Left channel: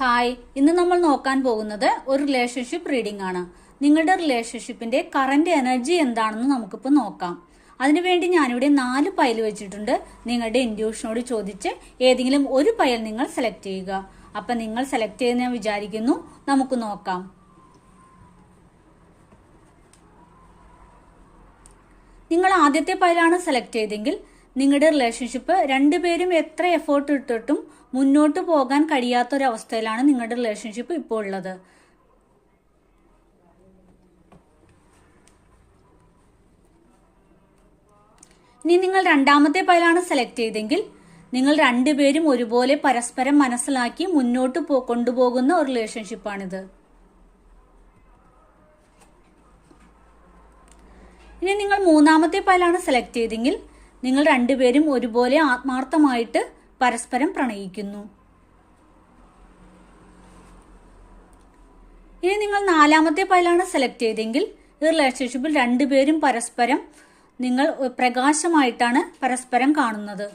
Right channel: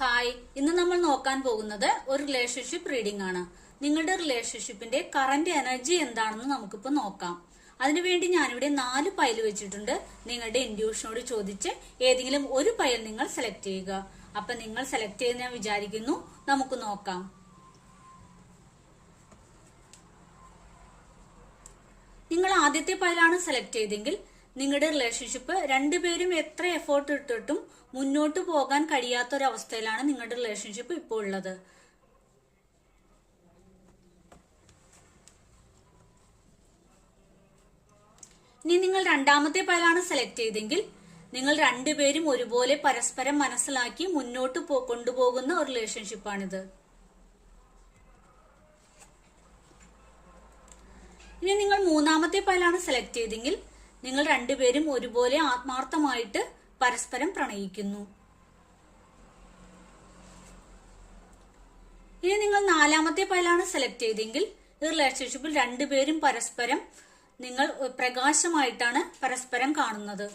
Hi ഇന്ന് നമ്മൾ നോക്കാൻ പോകുന്നത് ഒരു റിലേഷൻഷിപ്പ് റീഡിംഗ് ആണ്. നിങ്ങളുടെ റിലേഷൻഷിപ്പിന്റെ കറന്റ് എനർജി എന്താണെന്ന് നമുക്കിപ്പോൾ നോക്കാം. അതിനുവേണ്ടി ഞാനിവിടെ നാല് പയൽ വെച്ചിട്ടുണ്ട്. നിങ്ങളുടെ ഇൻഡ്യൂഷനോട് ചോദിച്ച് ഏതെങ്കിലും ഒരു പയൽ നിങ്ങൾ സെലക്ട് ചെയ്യുക. അപ്പൊ നിങ്ങൾ സെലക്ട് ചെയ്യുന്ന ഞാൻ വിചാരിക്കുന്നു നമുക്ക് നോക്കാം. നിങ്ങൾ ആദ്യത്തെ പയലാണ് സെലക്ട് ചെയ്തെങ്കിൽ നിങ്ങളുടെ റിലേഷൻഷിപ്പ് രണ്ടുപേരും എത്ര എഫേർട്ട് ഇട്ടിട്ടും മുന്നോട്ട് പോകാൻ കഴിയാത്തൊരവസ്ഥയിലാണ് നിങ്ങളുടെ റിലേഷൻഷിപ്പ് ഇപ്പോൾ ഉള്ളത്. ഇനി നിങ്ങൾ രണ്ടാമത്തെ പൈലാണ് സെലക്ട് ചെയ്തെങ്കിൽ നിങ്ങൾ രണ്ടുപേരും ഒരുപോലെ പരസ്പരം മനസ്സിലാക്കി മുന്നോട്ട് കൊണ്ടുപോകുന്ന ഒരു റിലേഷൻഷിപ്പാണിത് ഇനി നിങ്ങൾ മൂന്നാമത്തെ പൈലാണ് സെലക്ട് ചെയ്തെങ്കിൽ നിങ്ങൾ രണ്ടുപേരും ഒരുപോലെ ആത്മാർത്ഥമായിട്ട് പരസ്പരം പ്രണയിക്കുന്നു. ഇനി നിങ്ങൾ നാലാമത്തെ പൈലാണ് സെലക്ട് ചെയ്തെങ്കിൽ ഈ റിലേഷൻഷിപ്പിൽ രണ്ടുപേരും പരസ്പരം നിങ്ങൾ പ്രകാശമായിട്ടാണ് പരസ്പരം കാണുന്നത്.